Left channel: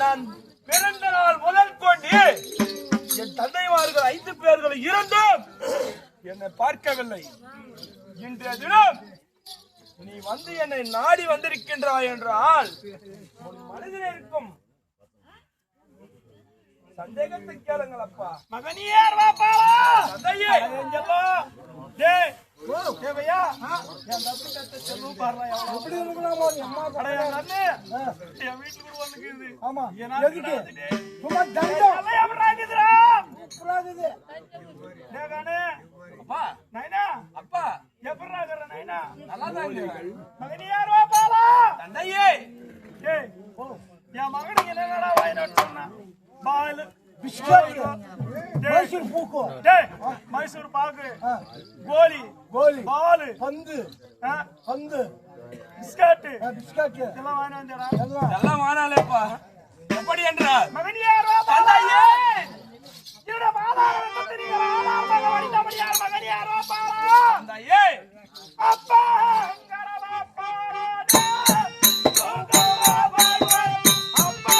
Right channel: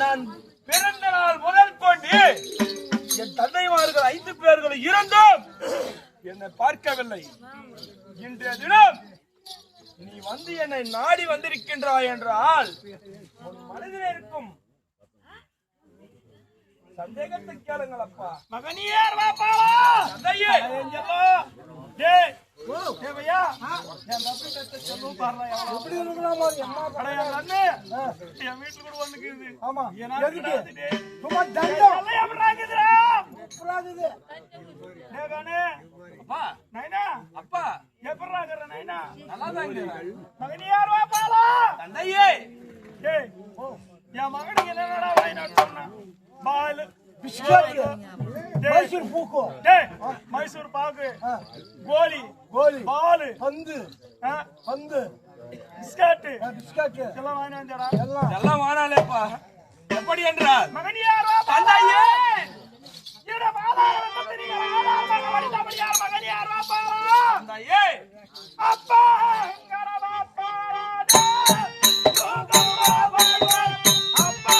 நான் பிறந்த நாள் முதல் கொண்டு என் தந்தைமார்கள் 5 பேர்கள் இருந்தும் என்னை பார்க்கவில்லை. இன்றைய தினம் நீ வந்து என்னை நாடி வந்திருக்கின்றாய் என்றால் உன் மனதில் இருக்கும் சந்தேகத்தை கேளுங்கள் அப்பா. மகனியார் வாப்பாளா தந்தையே எங்கப்பா டேய் தேவையா என் தம்பி கத்த செல்லும் பாறா எப்படி இருக்கலாமா அட என் அண்ணே என் வீட்ல கூட வந்துக்குது. ஆமா எதுக்கு சும்மா தண்டம் எல்லாம் எப்பறாக்குதுடா எப்பறாக்குது டேய் கண்ணே அப்பா நைனா அப்பா எப்பறாக்குற நைனா நல்லா தான் இருக்கு. மகனியார் வாப்பாளா தந்தையே டேய் என் மகனுக்கு என்னடா வாயினு சொன்னா பால் மைசூர் பூக்கு மைசூர் பாக்கு கோலி பால் பந்து பிஸ்கட் எல்லாம் வாங்கி வந்தடா எல்லாம் வானாலேப்பா. எப்படி என்றால் மகனியார் தந்தையே இவட பாதாரம் தெரியுமா ஆதாரமாக வடித்தபடியார் மகனியார் வாப்பாளா தந்தையே அப்பா கரவா பாராடே கோகமா பாய் அப்பா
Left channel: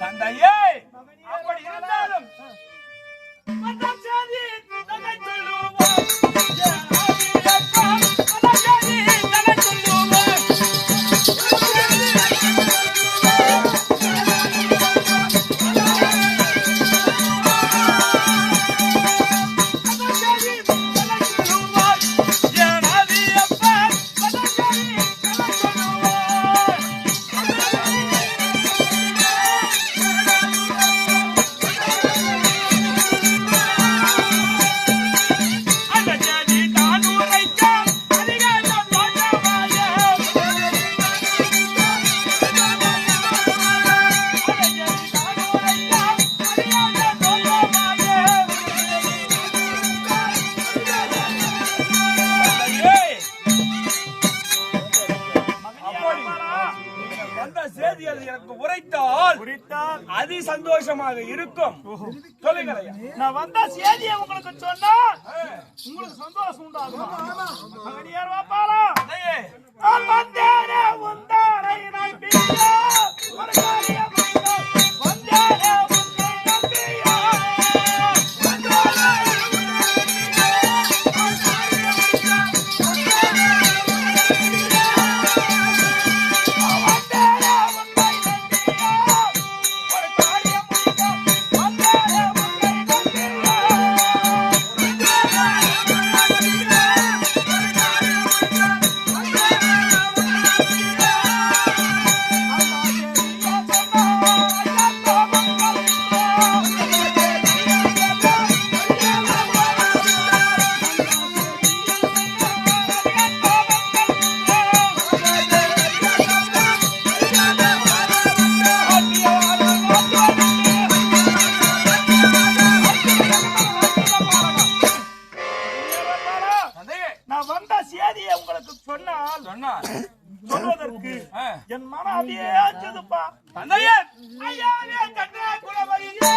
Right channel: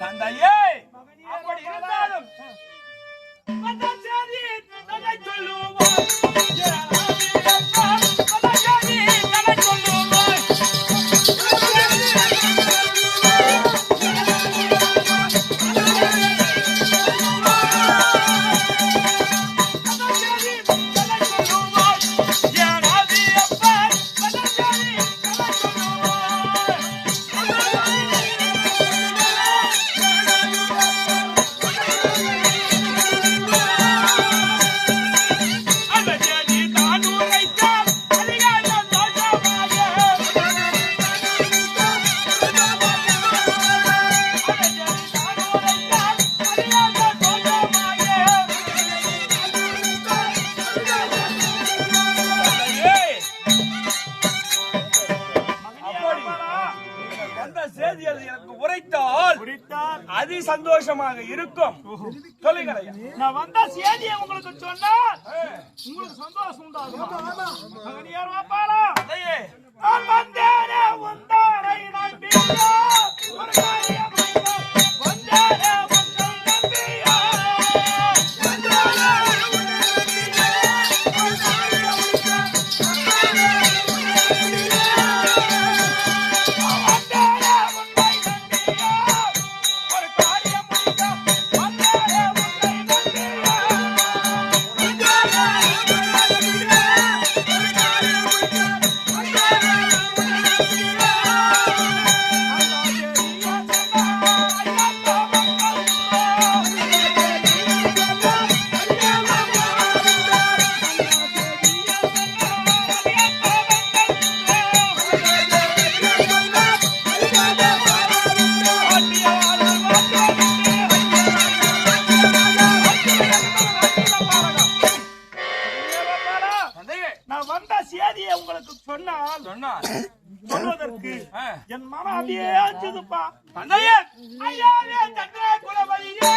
தந்தையே அப்படி இருந்தாலும் அதி சந்தோஷமாக இருக்கும். சொல்லுங்களையா நான் வந்த செய்தியை உங்களுக்கு சொன்னால் உங்களுக்கு சந்தோஷம் உண்டாகும். மகனியார் வாப்பாளா நான் வந்தேனே உந்தாரை நம்பியா ஒரு காரியம் வந்தேனே உன்னை நம்பியா நான் வந்த செய்தியை உங்களுக்கு சொன்னால் சொல்வதற்கு என் மனம் அப்படியே ஆச்சுதுப்பா. தந்தையே ஐயாவே தன்னே குலபதியே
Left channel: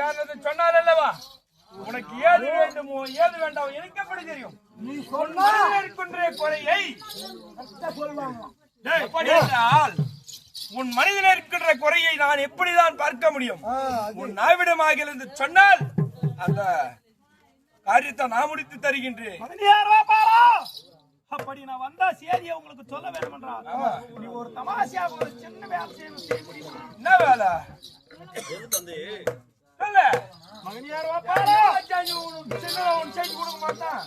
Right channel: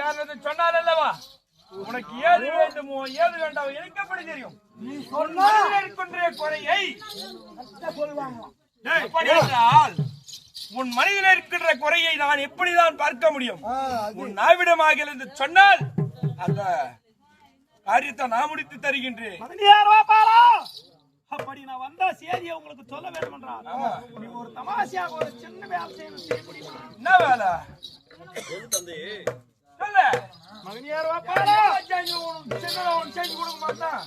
காரணத்தை சொன்னார் அல்லவா? உனக்கு ஏது வேண்டுமோ ஏது வேண்டாமோ எனக்கு எப்படி தெரியும்? நீ உன் மனதில் இருக்கின்ற குறையை சொல்லுவாங்க. எப்படி என்றால் உன் மனிதனில் இருக்கின்ற குறையை நான் எப்படிதான் பார்க்க முடியும்? உன் நாவிடமாக இருந்து சொன்னால் அந்த காரியத்தை நான் முடித்து தருகின்றேன். அப்படி நான் வந்தா சேதியை உங்களுக்கு சொல்ல வேண்டும் என்றால் நீ ஒரு தமாஷியாக ஒரு சின்ன வேலை செய்ய முடியுமா? என்ன வேலை சொல்ல மகனியார் வாப்பாரா செய்து கொடுக்க மாட்டான்.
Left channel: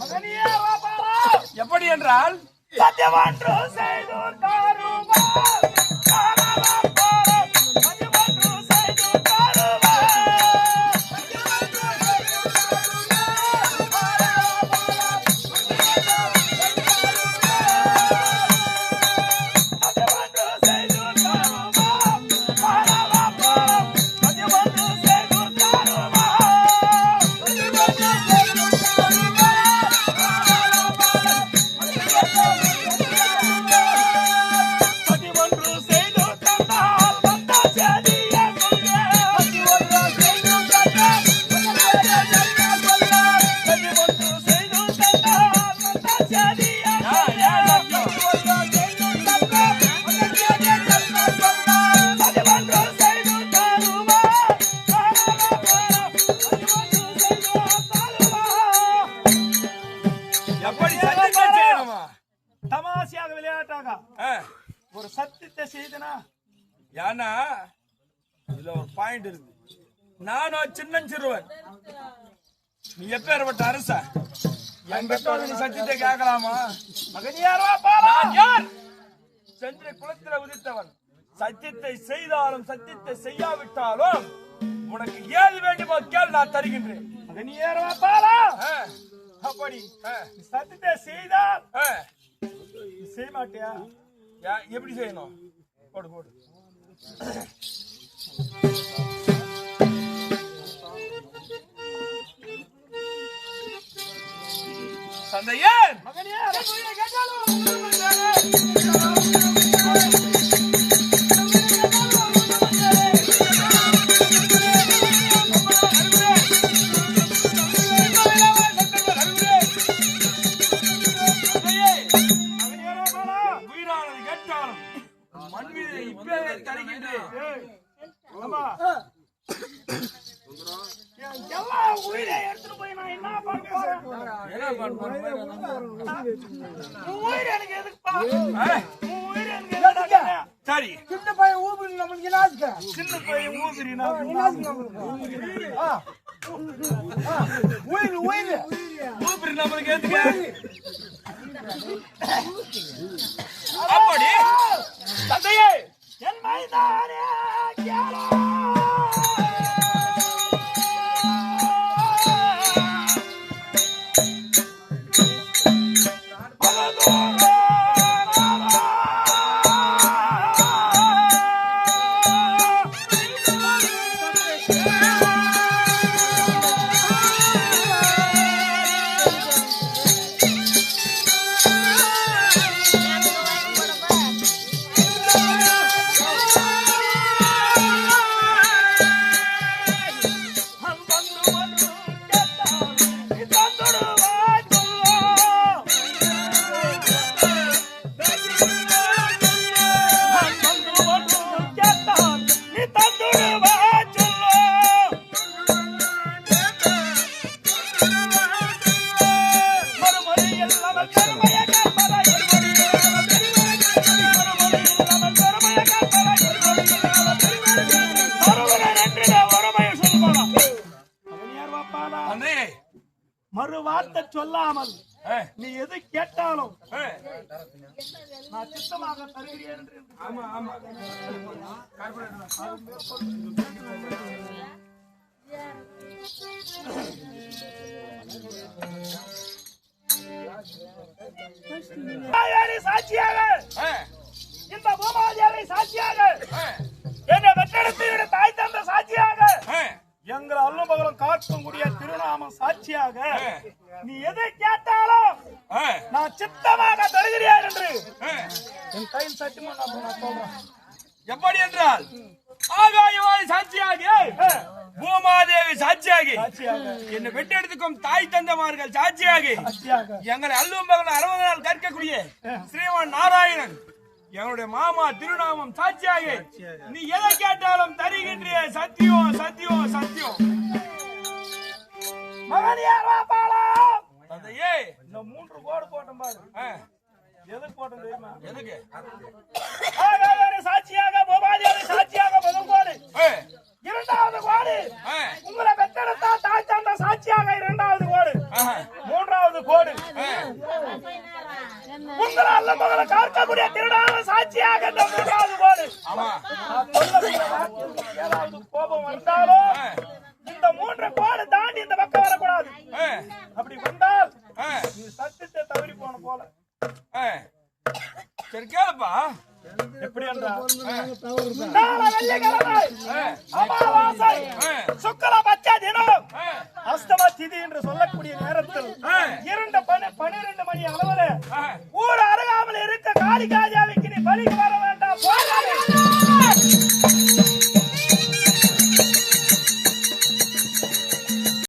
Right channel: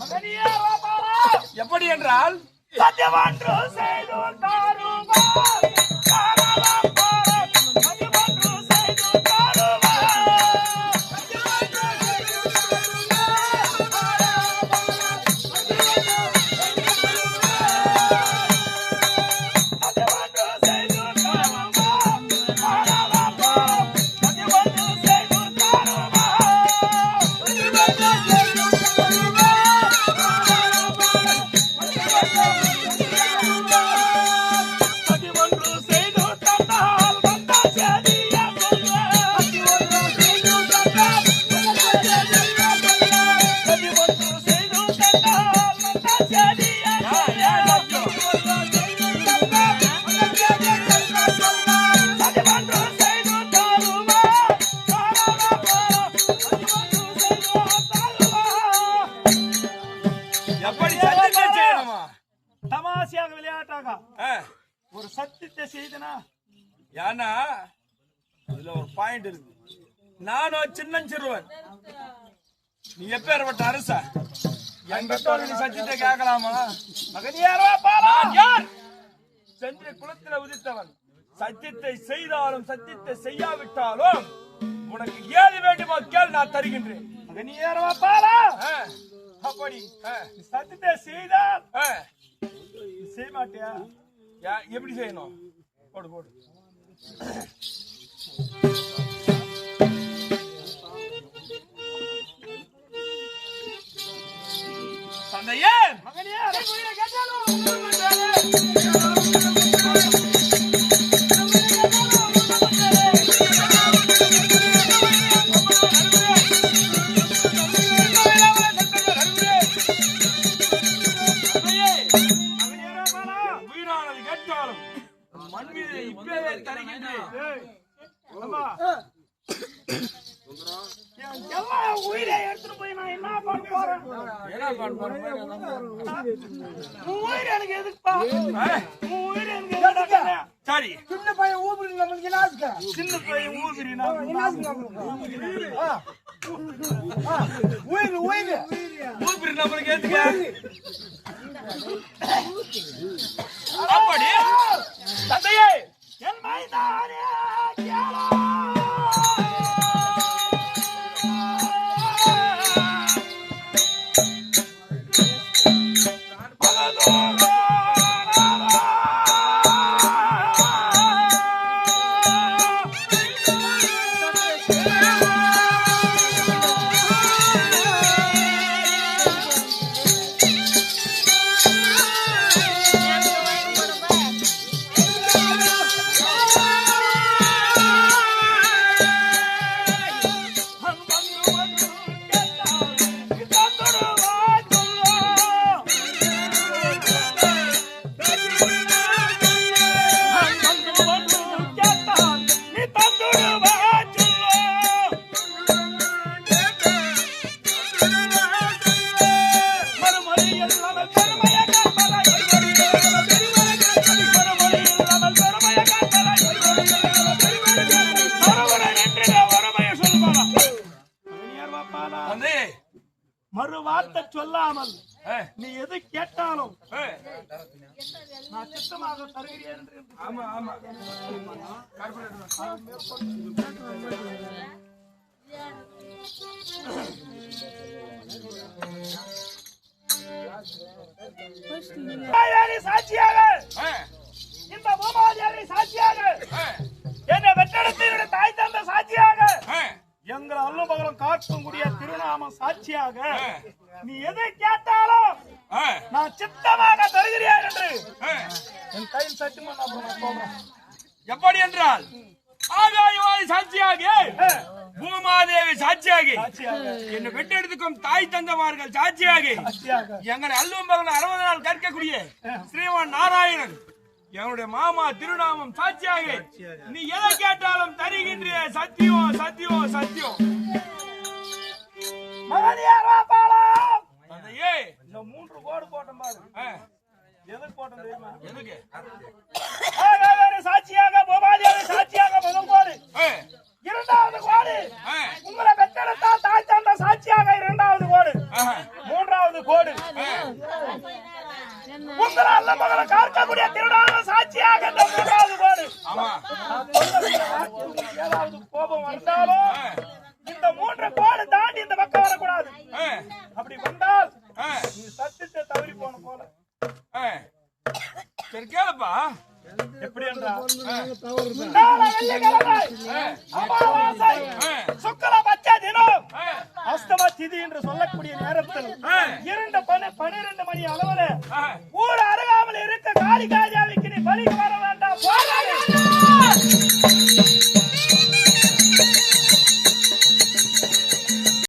மகனியார் வாப்பாரா எப்படி என்றால் சத்தியவான்று செய்து தாருமா தாரவா பாரா சத்தியவான்று செய்து தாருமா தமாஷியாக விளையாட்டாக ஒரு சத்தியத்தை செய்தனா ஏன்னா இதுல ஒரு பாயிண்ட் இருக்கு. நானும் சின்னஞ்சிறுவன், நீ எப்பேற்பட்ட அரசா? என் பெற்றோர் நீ சத்தியத்தை கேட்கலாமா? மகனியாரா நான் யார்? சென்ற குலத்துல உதித்தவன். சத்தியத்தை செய்தாலும் சத்தியத்தை செய்யாவிட்டாலும் உனக்கு ஏது வேண்டுமோ கேள், நான் தருகின்றேன். மகனியாரா பாரா அப்படி சத்தியத்தை செய்தால் செய்ய மாட்டியா? எப்படி செய்யணும்? போடு போடு. தந்தையே மகனியார் உயிரை எடுத்துட்டு போய் நான் என்ன பண்ண போறேன்? உயிர் எனக்கு எதுக்குப்பா? உயிர் எனக்கு எதுக்கு? சரி, சின்ன பையன் ஊபிரி நம்மளுக்கு என்ன? சின்ன பையன் ஊபிரி உயிர் உயிர் ஊபிரி நம்மளுக்கு எதுக்கு? அப்படி தந்தையே என் மைதானே கேளா மறு வார்த்தை சொல்லாமல் நீ எது கேட்டாலும் நான் சித்தமாக தருகிறேன் என்று. ஆமா ஆமா சாட்சியாக இந்த பூமாதேவி சாட்சியாக என்னை வெற்றெடுத்து தாய் தந்த சாட்சியாக எங்கள் அல்லும் பகலும் காக்கக்கூடிய திருநாமம் சாட்சியாக நீ எதை கேட்டாலும் நான் சித்தமாக தருகிறேன் என்று என் கையில் சத்தியமா நான் சொல்றேன். எப்படி என்றால் ஆகாயவாணி சாட்சியாகி பூமாதேவி சாட்சியாகி சாட்சியாக என்னை பெற்றெடுத்துக்கும் தாய் தந்தமார்கள் சாட்சியாகி சாட்சியாக எங்களை அல்லும் பகலும் 60 நாள் கற்கக்கூடிய ஸ்ரீமான் நாராயணன் எங்களுடைய மாமா திருநாமம் சாட்சியாக நீ எதை கேட்டாலும் தருகின்ற சத்தியம் சத்தியம் சத்தியம். மகனியாரா பாலம் தந்தையே இந்த 3 கோடு போட்ட பாரு எதுக்கு போட்டோம் தெரியுமா? எதுக்கு? ஆகாயவாணி சாட்சியாக பூமாதேவி சாட்சியாக முதல் கோடு, இரண்டாவது கோடு உங்களை பெற்றெடுத்தா தாய் தந்த சாட்சியாக இரண்டாவது கோடு, மூன்றாவது கோடு உங்களை அல்ல மகளை காக்கக்கூடிய திருநாம சாட்சியாக இந்த மூன்றாவது கோடு. ஆமா ஏதாவது கோபம் வந்தாலும் இந்த 3 கோடு தாண்டி இந்த பக்கம் வரக்கூடாது. அப்படி வந்தால் நீ சத்தியத்தை தவறி போன போல. சரி கேளுப்பா. எப்படி நாளை வெள்ளிக்கிழமை அமாவாசை சுக்லபட்ச தினம் அஸ்தம திதி என்று சொல்லக்கூடிய நேரத்தில் 12 மணி அளவில் ஊர் அருகாமல் இருக்க காளிகாஜாவுக்கு நீ பலிக்கு வர வேண்டாம்.